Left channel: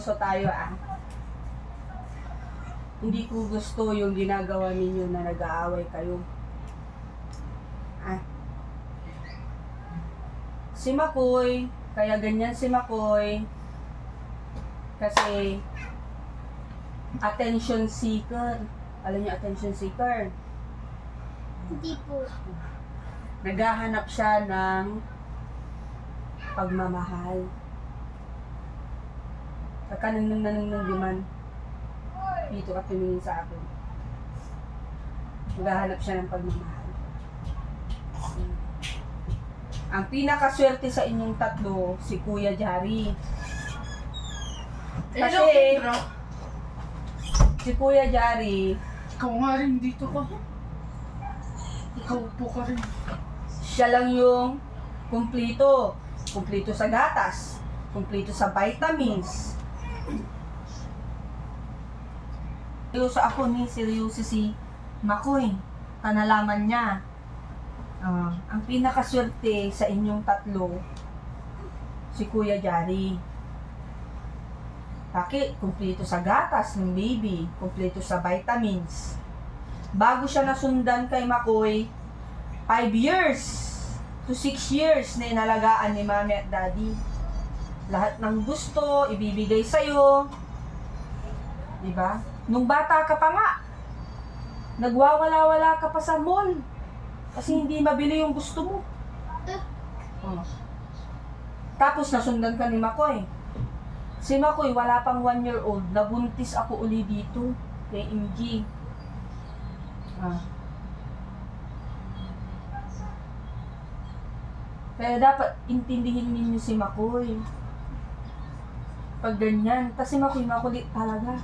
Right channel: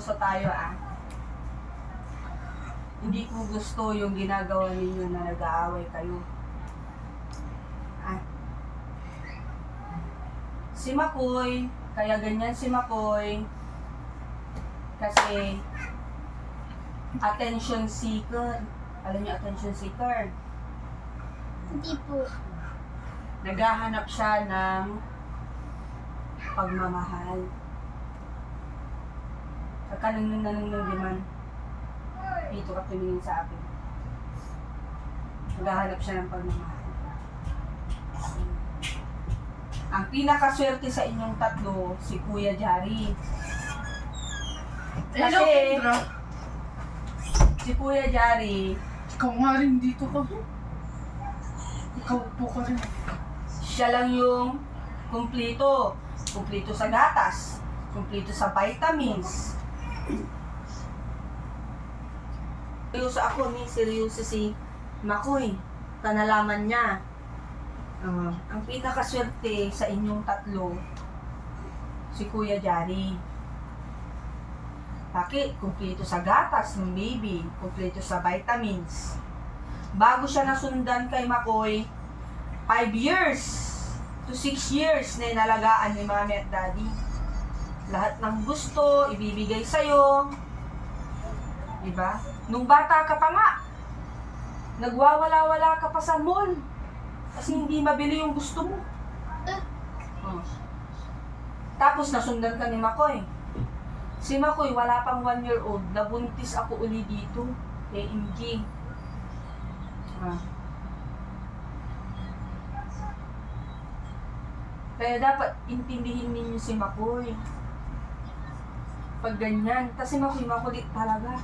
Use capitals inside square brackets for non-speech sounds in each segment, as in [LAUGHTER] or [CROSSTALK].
seryoso tayo ah. Hindi ko gusto yung ginagawa ninyo na nag-aaway kayo. Ah. Si Makoy, kaya ganyan si Makoy, kasi attention seeker. Alam niyo attention seeker? Hindi po. Naghahanap siya ng pagmamahal. Pagka nang nanununggiman, dito ka tumingin sa akin. Naghahanap siya ng pagmamahal. Ang pinakaswerte sa inyong tatlo, si Kuya Jari. Hello, Kasi- Kendra. Si Kuya Jari, Ikaw nga rin dito ka. Ikaw po ka rin. siya lang yung kumplito. Kumplito sa gatas. Kumplito sa vitamins. Seryoso ako ni seryoso si Makoy. Panalaman niya. Ah, ang pinakaswerte sa inyong tatlo, si Kuya Jari. Bakit? Kumplito sa gatas ng baby. Kumplito sa vitamins. Bago siya nasundan kay Makoy, 5 years to 6 years na inalagaan ni mami at daddy. Lahat ng gusto, ibibigay sa'yo. Diba? Nung bata ka pa nga, nagwawala-wala ka pa sa mall. Kasi hindi mabili yung gusto mo. Oh. Tapos nasundan ka ni Makoy. Si Makoy, wala pang 1 year old, nabuntis ako uli dito. Kay Ingy. Ah. Kaya dapat intindihin ninyo si Makoy. Pag ganyan. Kasi makulit talaga.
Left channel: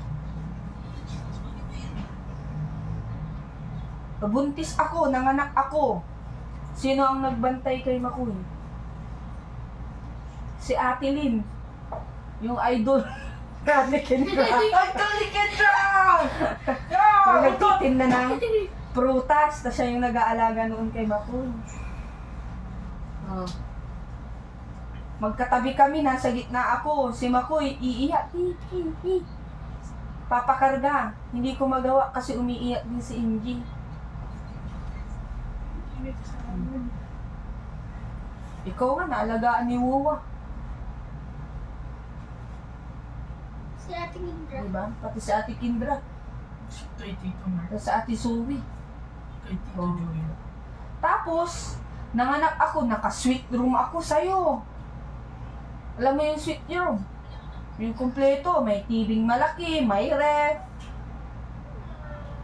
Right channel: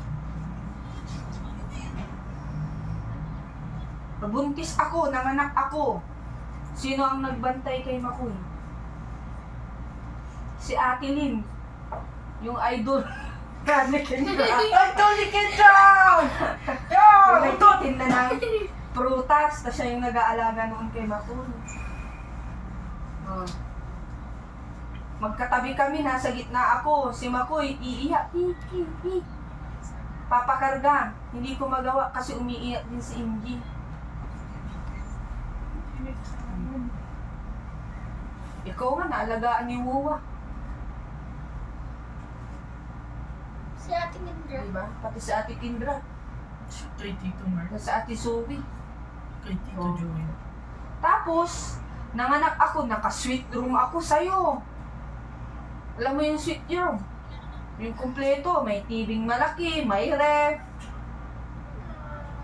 Nabuntis ako, nanganak ako. Sino ang nagbantay kay Makoy? Si Ate Lynn. Yung idol. Ate Kendra. Ito ni Kendra! Yung nagtitinda ng prutas. Tapos siya yung nag-aalaga noon kay Makoy. Oh. Magkatabi kami, nasa gitna ako. Si Makoy, iiyak. Hi, hi, hi. Papakarga. Hindi ko magawa kasi umiiyak din si Ingy. Ikaw nga, naalagaan ni Wuwa. Si Ate Kendra. Diba? Pati si Ate Kindra. Kay Tito Mark. Si Ate Zoe. Kay Tito Oh. Joel. Tapos, nanganak ako, naka-sweet room ako sa'yo. Alam mo yung sweet room? Yung kumpleto, may tibing malaki, may ref.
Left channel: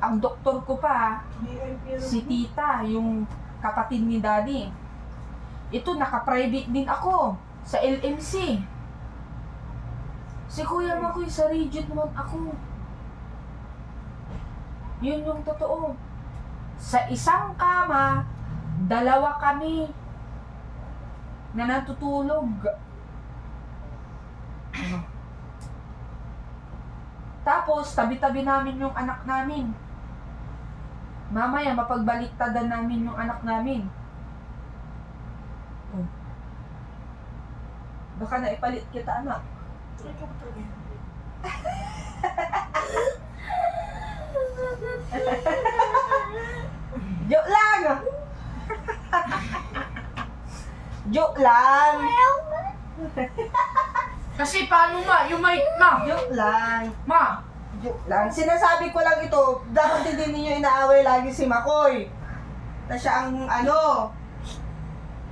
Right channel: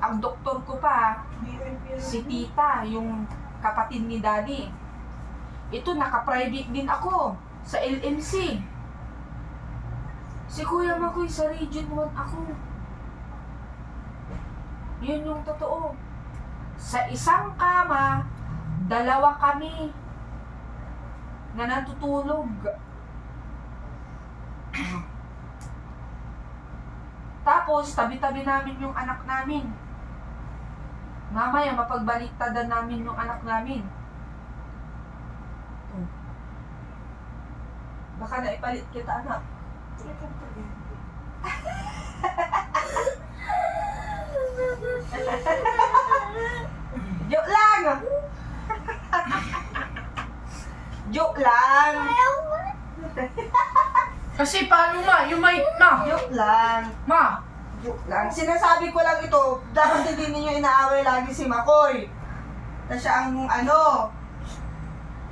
Ang doktor ko pa, si tita, yung kapatid ni daddy. Ito, naka-private din ako sa LMC. Si Kuya Makoy sa Region 1 ako. Yun yung totoo. Sa isang kama, dalawa kami na natutulog. Ano? Tapos, tabi-tabi namin yung anak namin. Mamaya, mapagbaliktadan namin yung anak namin. Oh. Baka naipalit kita, anak. Joke lang! [LAUGHS] Joke lang! Kasi paano ma? Yung mic ma? Joke lang! Ma! Joke lang. Sinasabi ko lang ito, dapat hindi ninyo inaaway lagi si Makoy. Na siya ang ano,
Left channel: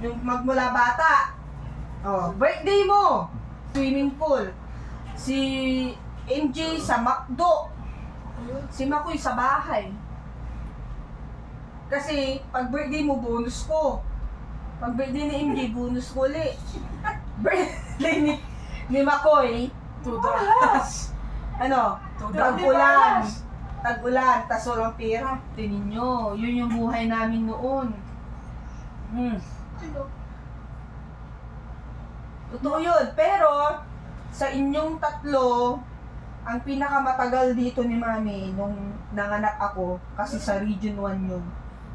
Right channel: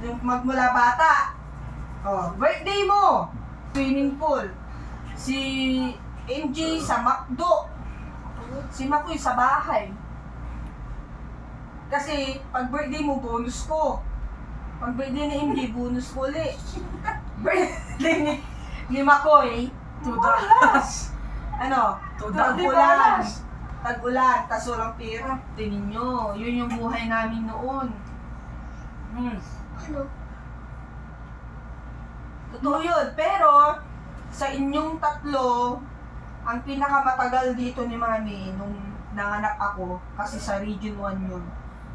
yung magmula bata. Oh, birthday mo, swimming pool. Si MJ sa McDo. Si Makoy sa bahay. Kasi pag birthday mo, bonus ko. Pag birthday ni MJ, bonus ko ulit. [LAUGHS] birthday ni, ni Makoy, house. ano, the Tag-ulan. Tag-ulan, tas walang pera. Tingin nyo, yun yung buhay namin noon. Hmm. Ano? Totoo yun. Pero, sa inyong tatlo, ang pinakamatagal dito ni Mami nung nanganak ako, kasi sa Region 1 yun,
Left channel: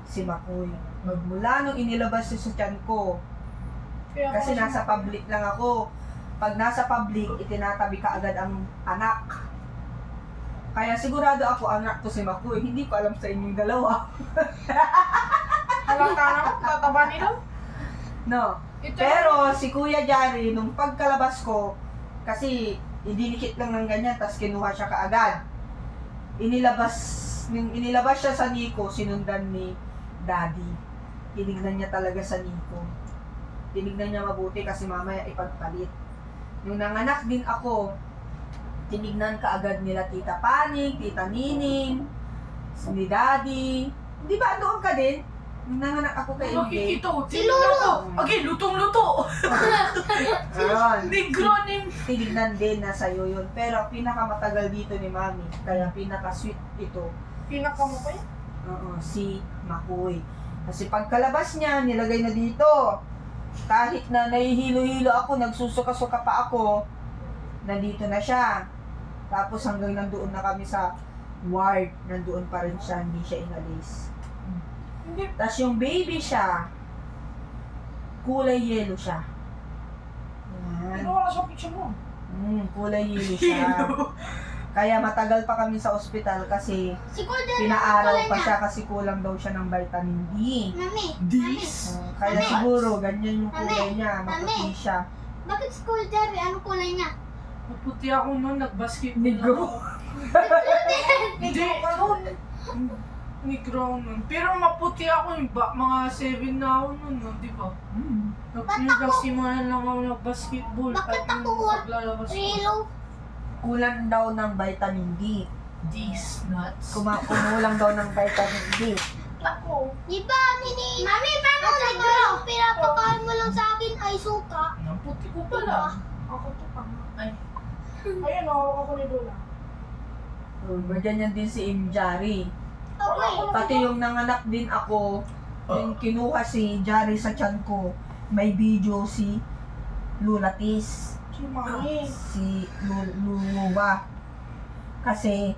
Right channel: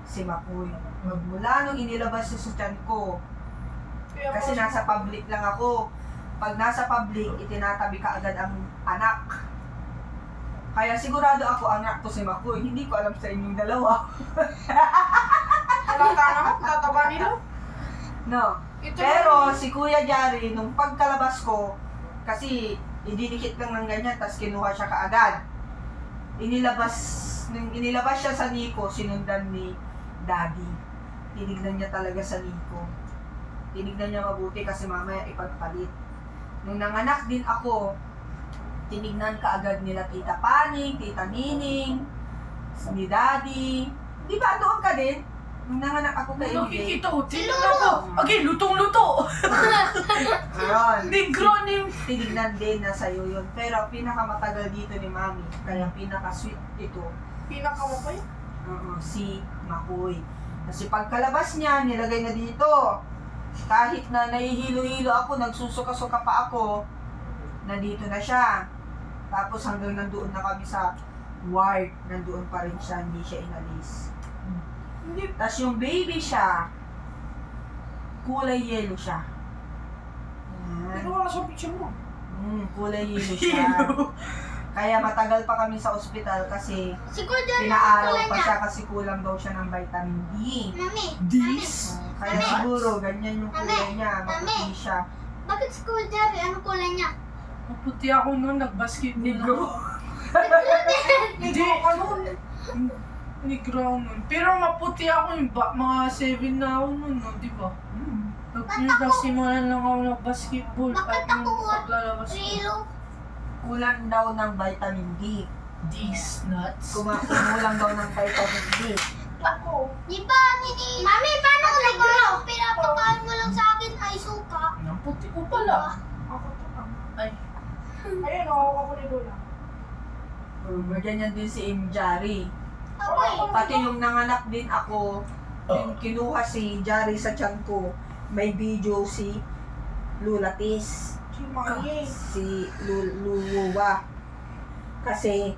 si Makoy. Magmula nung inilabas sa tiyan ko, kasi nasa public lang ako. Pag nasa public, itinatabi ka agad ang anak. Kaya sigurado ako anak to si Makoy. Hindi ko alam sa inyong dalawa. Halata naman, tataba nila. No. Ito Pero si Kuya Jari, nung pagkalabas ko, kasi idinikit lang ng ganyan, tapos kinuha siya kaagad. Inilabas, inilabas siya sa Nico, sinundan ni Daddy. Tinignan niya talaga sa Nico. Tinignan niya mabuti kasi mamaya ipagpalit. Nung nanganak din ako, tinignan kaagad nila Tita Paning, Tita Nining, ni Daddy. Di ba doon ka din? Nung nanganak ako kay MJ. Nakikita ko, Lolo. ko. Okay, lutong-luto. Ayun. [LAUGHS] Negro ni... tinignan din na sa'yo yun. Pero ang pinakamatagal dito ni Mami, kaya pinaka-sweet ito, Pinaka mo pa yun. oo, si Makoy. Kasi pagkalabas niya, nilagay na dito. Kahit na nahihilo-hilo ako, nagsusuka-suka pa ako, nandito na siya. Tapos hanggang nandoon na kami sa ward, nandoon pa rin siya, hindi siya inalis. Tapos yung baby siya, kulay yellow siya. Ano wala sa picture mo? Mm, kulay yellow [LAUGHS] siya. Kaya matagal pa kami sa ospital kasi Si Kuya pa siya kasi kulang daw siya ng vitamin D. Mami, This? Oh, kaya Mami. siguro ganyan yung kulay Mami. niya, Mami. maputi siya. bakit si Kuya Jerry? Ano kulay niya? Maputi ako noon, nag-basketball Negro. ako. [LAUGHS] Hindi. ka nun. Negro ako noon. Pero maputi ako yung ba, mga 7 na ako noon, no, di ba? Mm. Nagpinagsimulan lang ako ng-basketball. Bakit at yung ako wa- paglalabas ko. Rilo? Kulang daw ng vitamin D. These nuts. Kuma kumulang [LAUGHS] daw ng vitamin D. Ako. Di ba, nini? Mami, paano ko negro? Pinapakain mo lang sa akin ay suka. Naputi ko pala. Ako to pa. Ay. [LAUGHS] Ayun, ako ako ni Lola. Um, ganyan din si Imjari. Eh. Pati yung nanganak din ako, yung kinuha si Jari sa tiyan ko, may video si Lulatis. Si Mami. si Lu- Luluwa. Kasi